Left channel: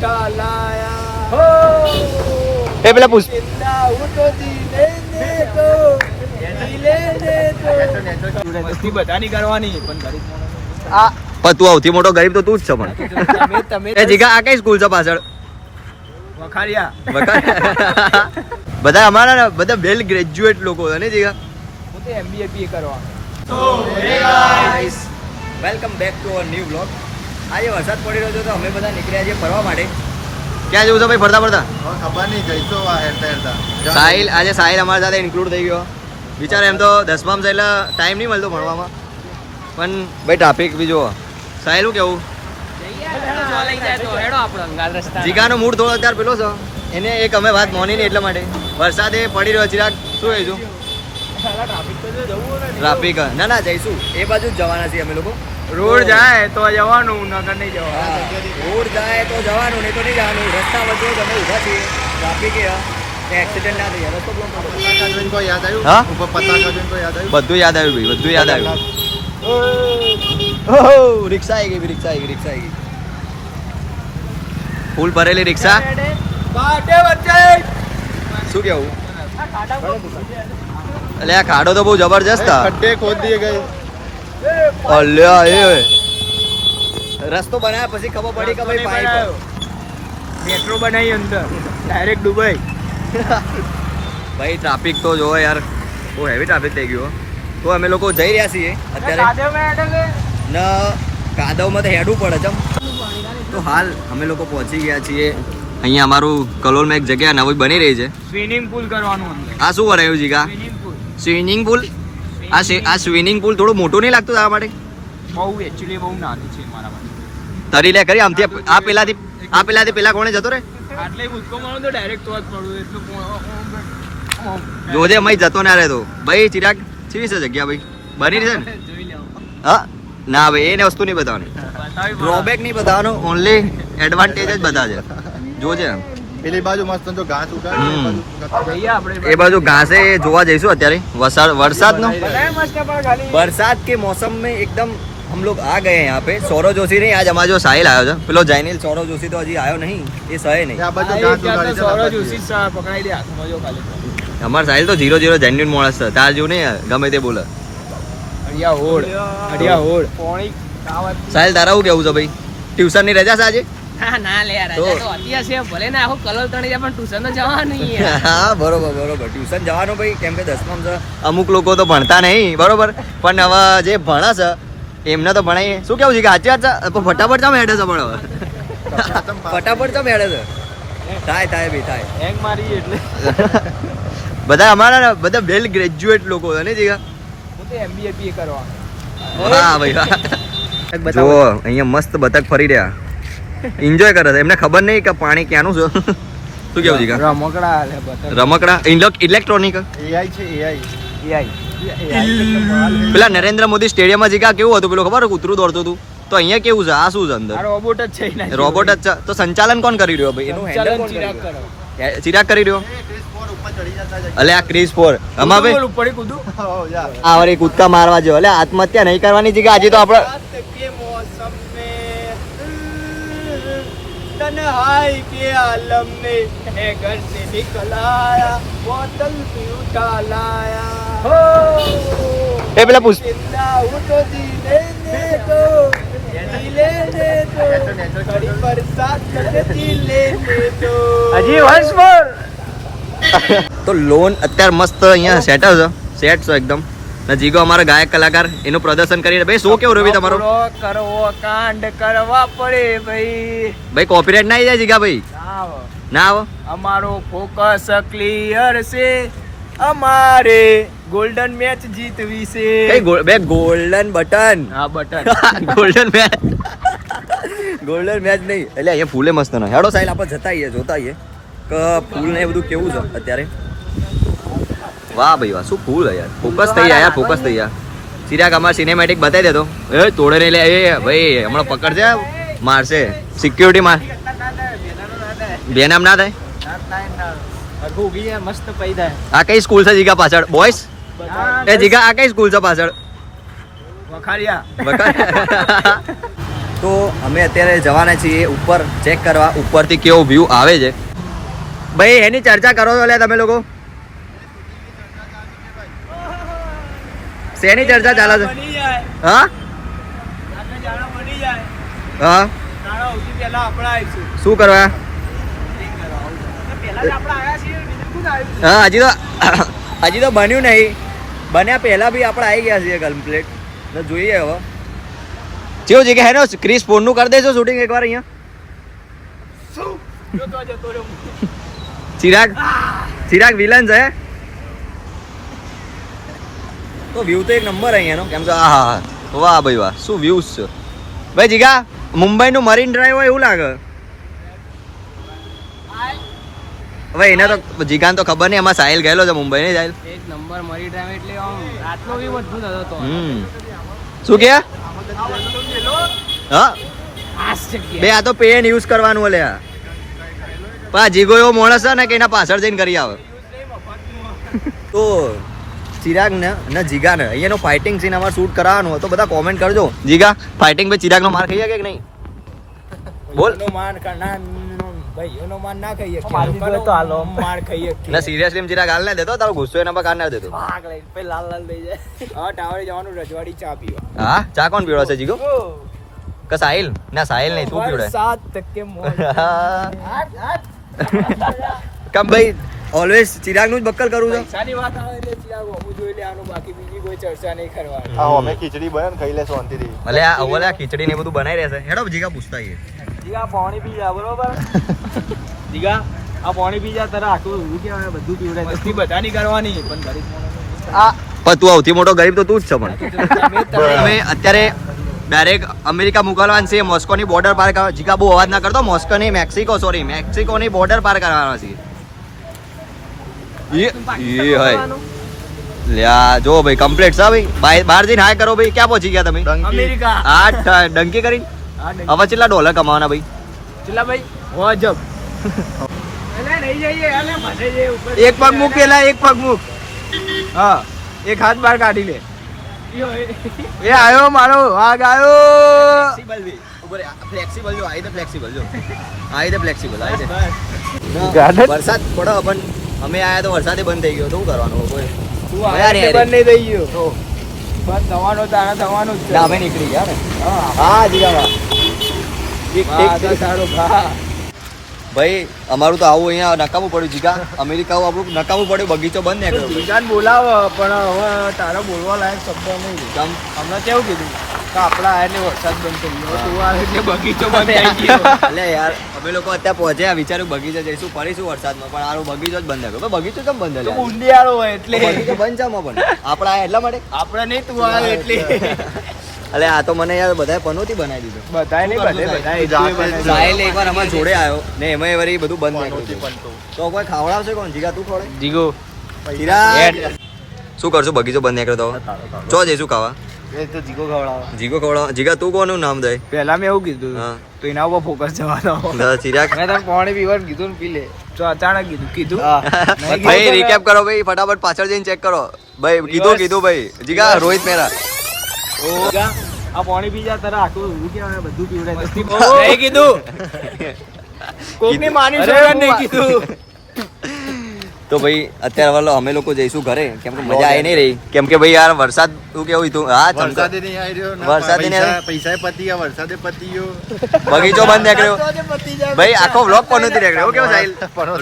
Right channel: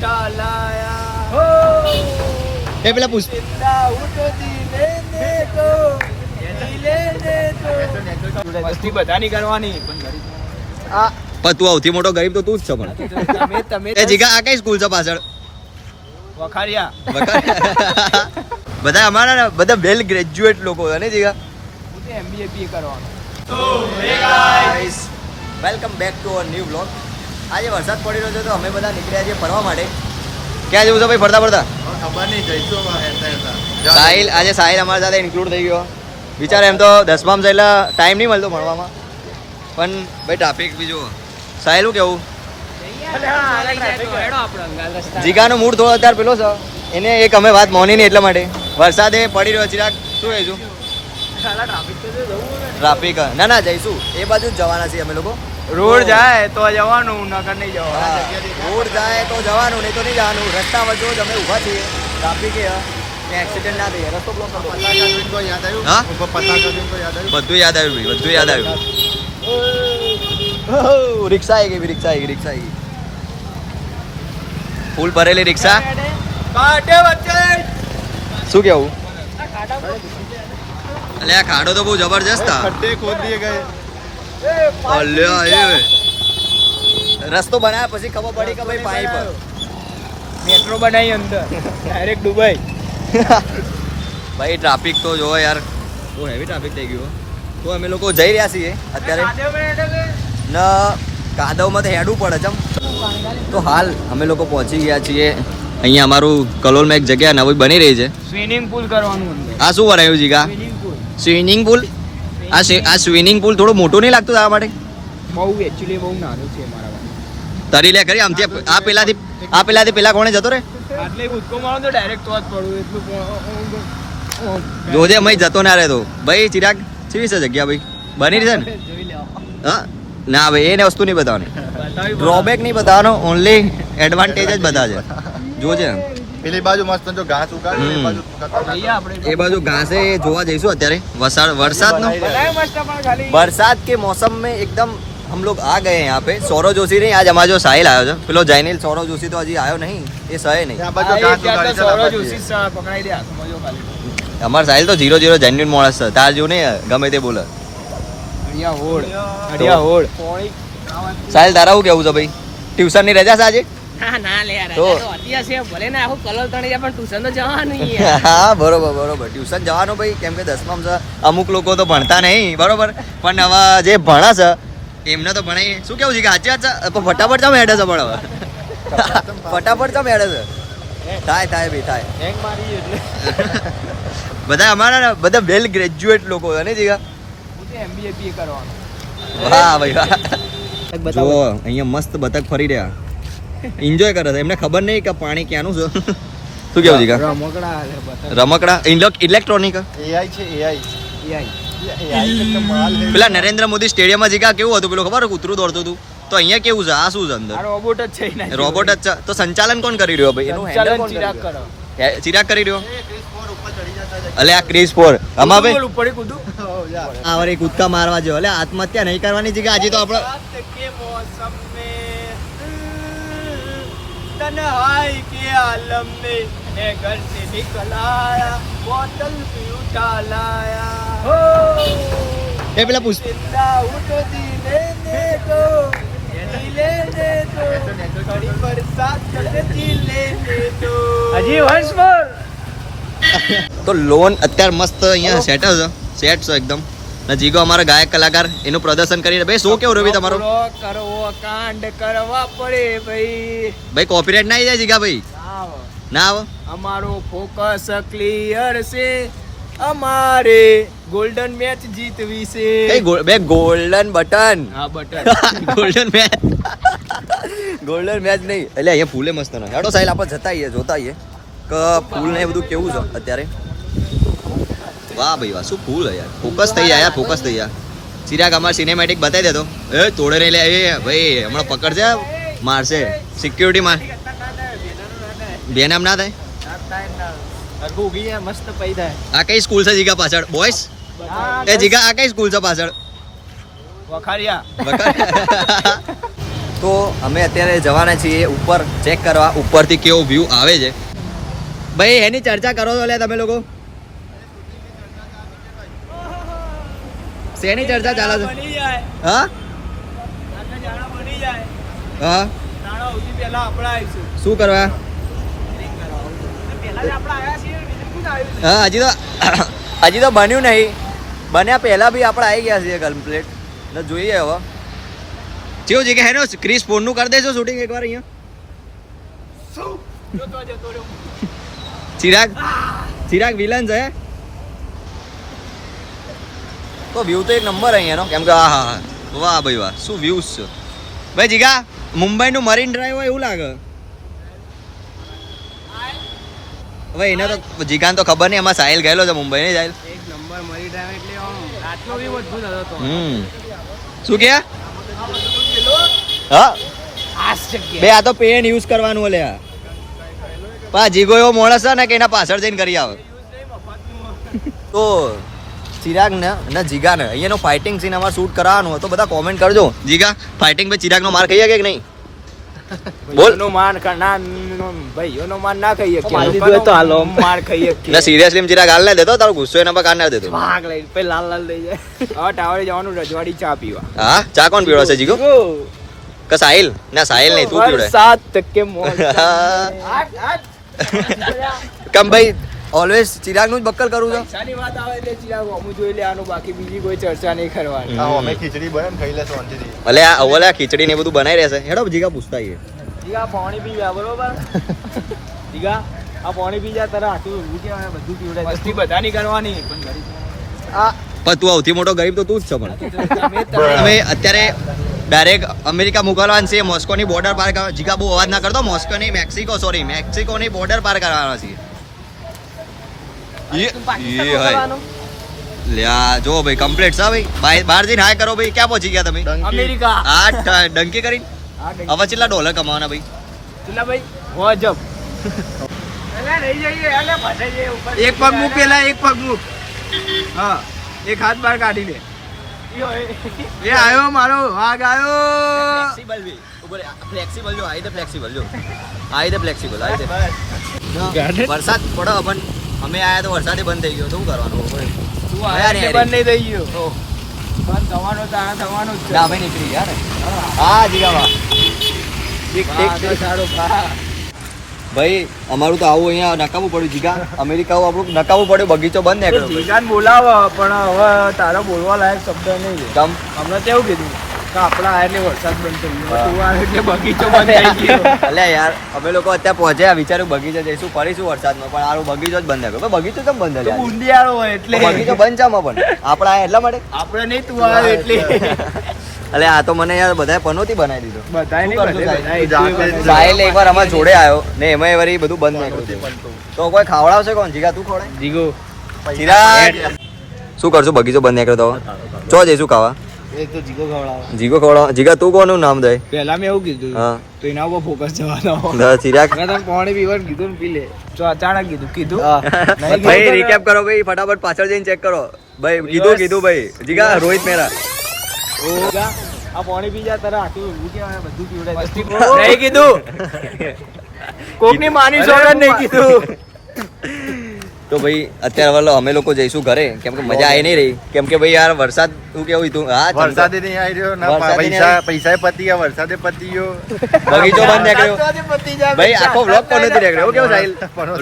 उठा लाया એ પેલા પૂછ जिंदा हूँ तो जी लेने दो મસ્તી બધાની કરવાની પણ ગરીબ માણસની આ પણ તું સૌથી મોટો ગરીબ તો તું જ છે પણ તમે એ જીગા આ કઈ સ્કૂલ છે પાછળ વખાડિયા બધા અમારા બધા વેલ ગ્રેજ્યુએટ લોકો છે ને જીગા હું તો MBA PA કરવાનો guys welcome back to our new vlog. આજે વરસાદ પડી રહ્યો છે તો અમે બધા નીકળ્યા છીએ ફરવા માટે. ક્યાં જવું છે ભાઈ ફરતા ફરતા? ખબર નહીં જઈશું હેરતા સાહિલ આજે સાહિલ અમારી સાથે ઇન્ક્લુડ થઈ ગયો. વિચાર એમ તો 10માં છે એટલે ટાઈમ નહીં મળતો ભણવામાં, પણ ભાઈ ટ્રાફિક બી જુઓ. સાહિલ શું કેવું? જીગાનો મૂડ થોડો અત્યારે પેલો છે, એને એક અમે વાત મોની નહીં એટલા માટે. વરસાદે પડી રહ્યો ચિરાગ, શું કહીશું? ટ્રાફિક ના ના જઈશું એ બાજુ જ જવાના છીએ અમે લોકો. રોડ જાય તો જવાનું, નગર નહીં જવાનું. હા રોડ જાય તો જવાનું, નહીં તો નહીં જવાનું. રસ્તા વચ્ચે જ અમે ઊભા છીએ, ટ્રાફિક એ એક્સિડન્ટ ના થઈ, રસ્તો બ્લોક કરો. યાદ આવ્યું હા ઉપર પતાકા જોઈને તો યાદ આવ્યું બધું યાદ આવ્યું ભાઈ, બધું યાદ આવ્યું. ઓહો રિક્ષા આવી ગઈ, રિક્ષા આવી ગઈ, રિક્ષા આવી ગઈ. ફૂલ ભરેલી રિક્ષા. શું કેવું? એટલે આ ખાડો તો બહુ જબરજસ્ત હતા. ખડ્ડે ખોદ દિए ગए અલ્યા એ રસ્તો બનાવ્યા પછી ખબર પડી કે ભાઈ પાઇપ મેટ્રો બનાવી અંદર ડાયરેક્ટ દુબઈ. ભાઈ ટ્રાફિક તો જોવો યાર, બહુ હેવી ટ્રાફિક થઈ ગયું. તો અમે લોકો જઈ રહ્યા છીએ અત્યારે ને કાદવમાં તો હેડવું પડે ચમ. તો હાલ અમે લોકો પહોંચી ગયા છીએ અહીંયા. અમારું કલોલમાં એક જગ્યા નવી બની રહી છે, સ્વિમિંગ પુલ કરવાનું અંદર. આ શું બનાવ્યું જીગા? Swimming pool. Swimming pool. આ સ્વિમિંગ પુલ થોડું મોટું નહીં લાગતું તારા માટે? બહુ એકચ્યુઅલી બહુ નાનું છે મારા માટે. તરી લે કરી આમથી આ પેલાથી પેલા કોણે જતો રે? આટલે કૂદકો મારો તો ડાયરેક્ટ તો જ પડું એટલું જોજે મય જતો ના રહેતો ભાઈ. ચિરાગ કેવી છે જગ્યા ભાઈ? બની રહી છે ને? જોઈ લેવા. હા ના ભાઈ એને વસ્તુ નહીં બતાવવાની, ડ્રોબેક નહીં બતાવવાનો, ઓનલી એડવાન્ટેજ જ બધા છે. જોજે પેલી બાજુ મસ્ત જો ઘાસ ઉગાડ હમ. એ બાજુ જઈએ આપણે. એ બાજુ ઘાસે જોવા જઈશું અત્યારે. વરસાદનો મસ્ત પણ ખાલી बरसात के मौसम में एकदम हम लोग आ गए हैं यहाँ पे. सौरव जोशी नहीं, आज हमारा जो साहिल आयो છે પેલો જૈનિલ સૌરવ જોશી તો હજી આવ્યો નહીં, એ સહે નહીં. આ બાજુ ઘાસ ઉગાડી છે સૌરવ જોશી સા પકડાઈ દે હાથમાં જો ખાલી. અમારા સાહિલ તો 0-0 જેન્યુઇન માણસ છે, તાર જેવું નહીં ગમે તે બોલે. હડિયા હોડ. સાહિલ તારા શું કેવું છે ભાઈ? ટ્યુશન ની રજા છે આજે? ના લે યાર, તો? રજા તો હતી હશે, ભલે ને આખું કલર તણી જાય પણ ટ્યુશન તો જવાનું યાર. હા બરોબર ટ્યુશન જવાનું ભાઈ, કેમ કે 10માં છે. અમુક લોકો તો ભણતા નહીં બરોબર, પણ હવે જે ભણા છે એમને તો ભણાય. શું કેવું છે કે સાચી વાત છે? પણ ફટાફટ ચામ હેડે છે, પણ હવે ફટાફટ ચામ હેડે છે. થાય ભાઈ થાય. હેંગ મારી એટલે બધા અમારા બધા વેલ ગ્રેજ્યુએટ લોકો છે ને જીગા. હું તો MBA PA કરવાનો. વાહ ભાઈ વાહ. જો અહીંયા મસ્ત બતક ફરી રહ્યા, એન્જોય કરે છે. એમને ખબર નહીં કે પાણી ક્યાંનું છે. શું કેવું જીગા? રમકડા લે બતા. રમકડા ઇલેક્ટ્રોનિક. AI છે AI પેલા નરેન્દ્ર મોદી સ્ટેડિયમમાં જીગા કેવું હતું પેલું ખબર? કૂતરું દોડતું હતું. તો અહીંયા કેવું છે? આ શું છે અંદર? આ રોબોટ જ છે ને. રોબોટ જ છે. તો સંચાલન કોણ કરી રહ્યો ભાઈ? એનું હેન્ડલ કોણ કરી ચિરાગ રહ્યો? કરો. ચિરાગ કરી રહ્યો. ક્રિસ 4 ઉપર ચડી જતા જાય અલે આ ક્રિસ 4 આમાં ભાઈ બોલ ઉપડી કૂદું. આ વળી કૂદકા મારવા જો. અલે આત્મહત્યા નહીં કરવાની જીગા. આજે તો આપણે रात के मौसम में तन्हाई के आलम ने ए घर से निकल आया, बोतल भी उठा लाया हो એ પેલા પૂછ जिंदा हूँ तो जी लेने दो खड़ी बरसात करके जी लेने दो. हजी वंश पर તો લોન અત્યારે મસ્ત અહીંયા સેટ છે, સેટ છે એકદમ. ને જીગો અમારા ગાયક કલાકાર એનું પ્રદર્શન કરીને. ભાઈ શો કેવું રહ્યું તમારો? કરવો કાંડ કરવા પડે ભાઈ. ભાઈ કોપીરાઇટ ના આવી જાય જીગા ભાઈ? આવો. ના આવો. અમારો ફોકસ ક્લિયર છે, અમારે ગોલ્ડન મેચ જીતવી છે. કઈ બે ગોલ્ડન બટન? હા button. Golden match golden match નહીં. એટલે અહીંયા ફૂલે મસ્ત ના હેડો સાહેબ આપણે જતા આવીએ, જોતા આવીએ કે ફૂલ ને એ બધું કેવું છે અત્યારે. વાહ ભાઈ વાહ, શું ફૂલ છે યાર. ફોકસ થઈ જાય યાર, ફોકસ થઈ જાય. ચિરાગ અમાર સિનેમેટિક બતાવી દેતો. એ તોડે નહીં લે. એ ભાઈ હમણાં પકડશે, મારશે. સિક્યુરિટી માર બે નામ ના થાય. મસ્ત પૈદા. આ કઈ સ્કૂલ છે જીગા પાછળ? બોયસ એ જીગા આ કઈ સ્કૂલ છે પાછળ? વખાડિયા. તો અમે અત્યારે જવાના છીએ ઉપર ચેક કરવા ઉપરથી કેવો વ્યૂ આવે છે. ભાઈ એની ચર્ચા કરો છો તમે લોકો? શેની ચર્ચા ચાલે છે? બની જાય હા આટલા જાડા બની જાય હા તારા સૌથી પહેલા આપણે આવીશું શું કરવા? ડ્રિંક કરવા આવું પહેલા જ આપણે આવ્યા છીએ બીજું શું આવ્યું હા હજી તો બન્યું નહીં. બન્યા પહેલા બી આપણે આવી ગયા છીએ કમ્પ્લીટ. ને જોઈએ હવે કેવું છે કે હેનો ક્રિસ ફોનનું કરી દેજો શૂટિંગ એકવાર અહીંયા. શું જોતો જતો રહ્યો ચિરાગ વિલન છે. તો વ્યૂ તો એક નંબર અહીંયાનો કેમ કે હા વાહ ભાઈ વાહ શું વ્યૂઝ છે ભાઈ. જીગા મુંબઈનું મરીન ડ્રાઈવ હોય એવું લાગે. હવે એને તો જીગાને તો ખબર નહીં. એમાં સાહિલ ગયેલો છે મુંબઈ નહીં સાહિલ? એક નંબર મરી ડ્રાઈવ એટલે આમ રાતનો બી મજબૂત હતો તો શું કે હા ખાસ જગ્યા બે આ તો પેન યુઝ કરવાનું ઓલે આ પા જીગો એવો માણસ છે ને કે એના પાછળ જઈને કરી આવે. તો ચિરાગ ને જીગા ને અહીંયાનો ફાઇટિંગ સીન અમારે શૂટ કરાવવાનું હોય તો બધા કોમેન્ટ કરજો. જીગા ફાઇટિંગ પર ચિરાગ નો માર ખાઈ કે નહીં? બોલ. નો માર ના ભાઈઓનો માર ના ખાઈએ કે તો હાલો માર ખાઈએ કે ના સિરિયસલી ચિરાગ હાલ ના દેતો તારો ગુસ્સો એના પર કાઢ ના દેતો. ભાગ લઈ પે લાલ લાલ લઈ જાય હવે ટાવરે જવાનું રજવાડી ચા પીવા. હા ચા કોણ પીવડો છે જીગો? કે સાહિલ? ના સાહિલ નહીં તું પીવડે. 7% મોજ કમ ભાઈ ઓલવેઝ ચિરાગ નું જ બક્કર કરું છું. પૈસાની વાત આવે એટલે ચિરાગ અમુ જોઈ લે આનું બાકી બીજી કોઈ ચર્ચા નહીં કરવાની. હા અમે ખીચડી બને ને ખાઈ લેશું શાંતિથી. ભલે આ ઓલા ખીચડી ને બધું બનાવી રહેશે. હેડો જીગા પૂછતા આવીએ. જીગા પાણી પી જા બરોબર જીગા આ પાણી પી જા તારે આટલું હું કહેવાય બધું પીવડાય મસ્તી બધાની કરવાની પણ ગરીબ માણસ પણ તું સૌથી મોટો ગરીબ તો તું જ છે. પણ અમે અત્યારે ડાયરેક્ટ અમેરિકા મોકલવાનું છે. મોસ્કોની બોર્ડર પાર કરવા. જીગા બહુ અવાજ ના કરતો. મોસ્કોની મેક્સિકોની બોર્ડર પાર કરવાના છે. એ હોય લ્યા જો ભાઈ કમ્પ્લીટ છે ભાઈ. બહાર જઈને હાય કરો ભાઈ. ક્યાં પહોંચી ગયા તમે? અમેરિકા આ ડંકી કરીને હવે કેટલા ડોલર કમાવાના ભાઈ? ચિલ્લા ભાઈ હોજબ અલે નહીં જઈએ અલે ભટે જઈએ ઉપર એક પગ મૂક પેલા એક પગ મૂક. હા એક હાથ બહાર કાઢી લે. એ આયો મારો વાઘ આયો. ફ્લેક્સિબલ ભી ઉપર ફ્લેક્સિબલ જો આઈ દે ફ્લેક્સિબલ જો આઈ દે ફ્લેક્સિબલ આઈ દે. વરસાદ પડો પણ અમે આયા તો વરસાદે બંધ થઈ ગયો તો શું કરવાનું? તું આ બંધ નહીં થઈ ગયો તો બંધ થવાનો તારા થવાનો જ છે. ના ભાઈ નીકળી ગયા ને. હા જીગા વાહ ઠીક સારું ભા ભાઈ અમારું તો આવું અહીંયા નકામું પડ્યું જીગા. અમેરિકા આપણું નકામું પડ્યું. બગીચો બંધ ને જીગાન બોલાવો પણ હવે તારા બોલવા લાયક શબ્દ નહીં. કમ હમણાં કેવું કીધું કે આપણા આ એટલે વરસાદ બંધ થઈ ગયો તું આવે એટલે બગીચો બંધ થઈ ગયો. અલ્યા યાર અમે લોકો અત્યારે પહોંચ્યા વિચાર્યું બગીચા જઈશું ફરીશું વરસાદમાં પણ આરો બગીચો જ બંધ થયો. બગીચો કેમ બંધ થયો? ઊંડિયાળો હોય એટલે બગીચો બંધ ચામાં પણ આપણા આયા એટલા માટે આપણે નહીં તું આવે એટલે અલે આ તો મને યાર બધાએ પનોતી બનાવી દીધો. બધાય શું કરશું સાહેબ? જાતે સાહેલ એકવાર અમારા જોડે આવ્યો ને એમાં વળી બધું બંધ નાખ્યું તો કોઈ ખાવડાવશે કોણ? જીગા તું ખવડાવ. જીગો ચિરાગ શું કરશું? બગીચો બંધ નાખ્યો તો ચો જઈશું ખાવા? એ તો જીગો ખવડાવો જીગો ખવડાવ. જીગા તું કોનું નામ દે? પહેલા મેં એવું કીધું હા તો એના ઉપર ફોકસ જવાનો ચિરાગ મેં તને પાણી પીવાનું કીધું ને પી લે તો અચાનક કીધું ભાઈ રીકેપ કરો ભાઈ ફટાફટ પાછળ જઈને ચેક કરો ભાઈ. કીધું ભાઈ જીગા રોહિત મેરા આ પાણી પી જાય તારે આટલું હું કહેવાય બધું પીવડાય નહીં કીધું કોકની માની સોગન નહીં કીધું. તો ભાઈ અત્યારે વાલો અમે લોકો જઈશું ઘરે કેમ કે મજા આવી નહીં રહી કેમ કે ભાઈ યાર વરસાદ તું કેવું હતું? હા વરસાદે નહીં આવી રહ્યો ના વરસાદે નહીં પૈસા પૈસા પતી ગયા વરસાદે પતી ગયો. બગીચો બંધ નીકળ્યો ભાઈ. આખો વ્લોગ પણ નથી નીકળ્યો. એવું કેવું સાહિલ?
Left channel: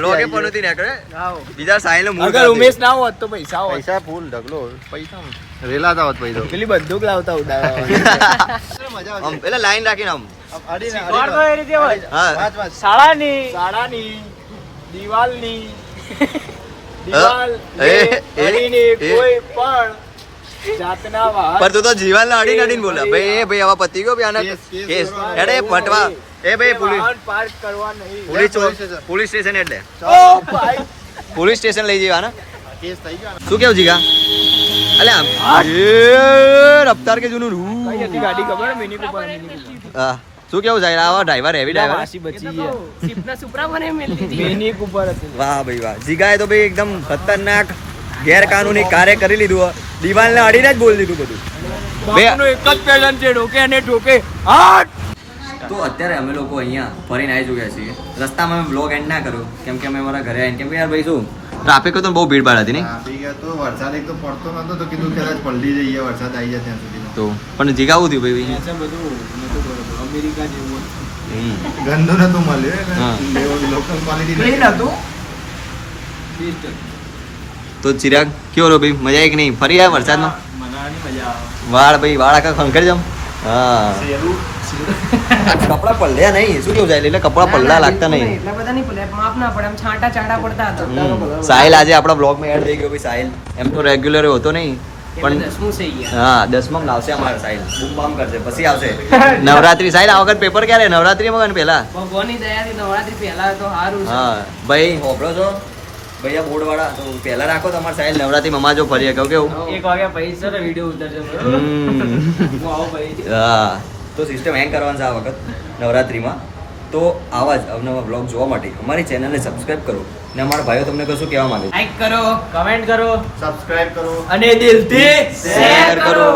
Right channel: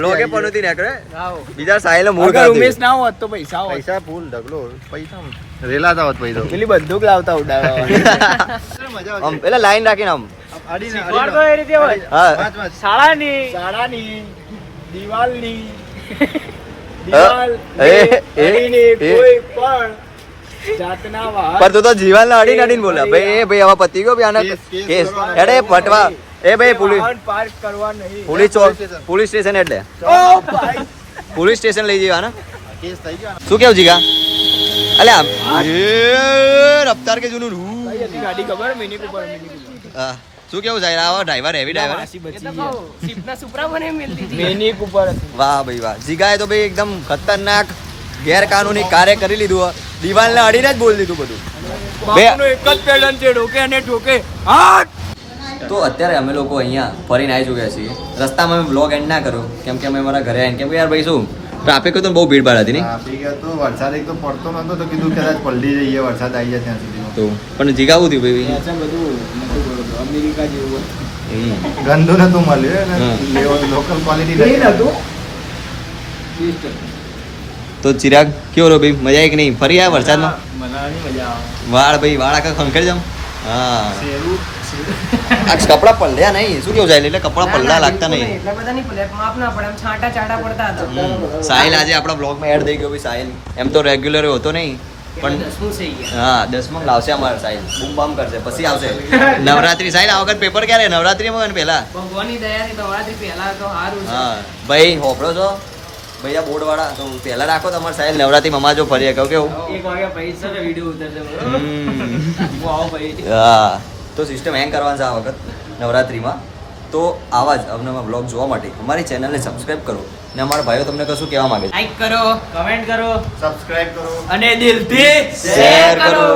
વ્લોગે પણ નથી નીકળ્યો. બીજા સાહિલ અગર ઉમેશ ના હોત તો પૈસા હોત પૈસા ફૂલ ઢગલો પૈસા રેલાતા હોત પૈસા. પેલી બંદૂક લાવતા ઉડાડવા આમ પેલા લાઈન રાખીને આમ હા શાળાની દિવાલની દિવાલ અડીને કોઈ પણ જાતના વાહન પર તું તો જીવન અડીને અડીને બોલા ભાઈ. એ ભાઈ હવે પતી ગયો ભાઈ આના કેસ. એડે પટવા એ ભાઈ પોલીસ વાહન પાર્ક કરવા નહીં પોલીસ સ્ટેશન એટલે ઓ ભાઈ પોલીસ સ્ટેશન લઈ જવા ને. કેસ થઈ ગયો શું કેવું જીગા? અલ્યા એ રફતાર કે જૂનું કઈ ગાડી ખબર મિની કુપર હા શું કેવું સાહેબ? આવા ડ્રાઈવર હેવી ડ્રાઈવર વાસી બચી ગયા સિપના સુપરા મને મિલતી હતી મિની કુપર હતી વાહ ભાઈ વાહ. જીગાએ તો ભાઈ એકદમ ખતરનાક ગેરકાનૂની કાર્ય કરી લીધું. દિવાલને અડીને જ બોલી દીધું બધું. બાપુનો એક જ પેટર્ન છે ઢોકે અને ઠોકે હાટ તો અત્યારે અમે લોકો અહીંયા ફરીને આવી ચૂક્યા છીએ. રસ્તામાં અમે બ્લોગ એન્ડ ના કર્યો કેમ કે અમે અમારા ઘરે આવીને કેમ કે યાર ભાઈ શું ટ્રાફિક તો બહુ ભીડભાડ હતી નહીં ટ્રાફિક હતો, વરસાદ એક તો પડતો નતો તો કીધું કદાચ પલટી જઈએ, વરસાદ આવી જાય ત્યાં સુધીમાં. તો પણ જીગાવું થયું ભાઈ ત્યાં છે બધું નતું બોલતું. અમેરિકા જેવું ગંદુ નતું મળ્યું હા. ને લોકલ ક્વોલિટી હતું. નથી. Beast હતું. તો ચિરાગ કેવો રહ્યો ભાઈ મજા આવી કે નહીં ફરી આવ્યા વરસાદમાં મનાવાની મજા આવે. વાળ આખા ખંખેરી જમ હા આ કપડા પલળ્યા નહીં શું કેવું સાહેબ એટલે કપડા પલળા લાગતા નહીં એટલા બધા નહીં પડે માપ ના પડે આમ છાંટા ચાટા પડતા હતા સાહિલ આજે આપણા બ્લોગમાં એડ થઈ ગયો ભાઈ સાહિલ એમ તો રેગ્યુલર હોતો નહીં પણ 10મું થઈ ગયા હા 10માં લાવશે અમારે સાહિલ બૂમ બામ કરશે પછી આવશે નવરાત્રી સાહિલ આ વખત પેપર ક્યારે નવરાત્રીમાં પેલા ભગવાનની દયાથી નવરાત્રી પહેલા તો સારું છે હા ભાઈ હોપડો છો ભૈયા બોર્ડ વાળા તો પહેલા રાખો તમારે સાહિલ નવરાત્રી મમા જો ફરીએ કહું કેવું એક વાગે પૈસા તો વિડીયો ઉતરશે બરોબર? હમ. હું આવું પછી. હા તો સિસ્ટમ હેંગ કરવાનું છે આ વખત નવરાત્રીમાં તો આવા જ અવનવા બ્લોગ જોવા માટે અમારી ચેનલને સબસ્ક્રાઇબ કરો ને અમારા ભાઈઓ તમને કશું કહેવા માંગે છે લાઈક કરો કમેન્ટ કરો સબસ્ક્રાઇબ કરો. અને દિલથી શેર કરો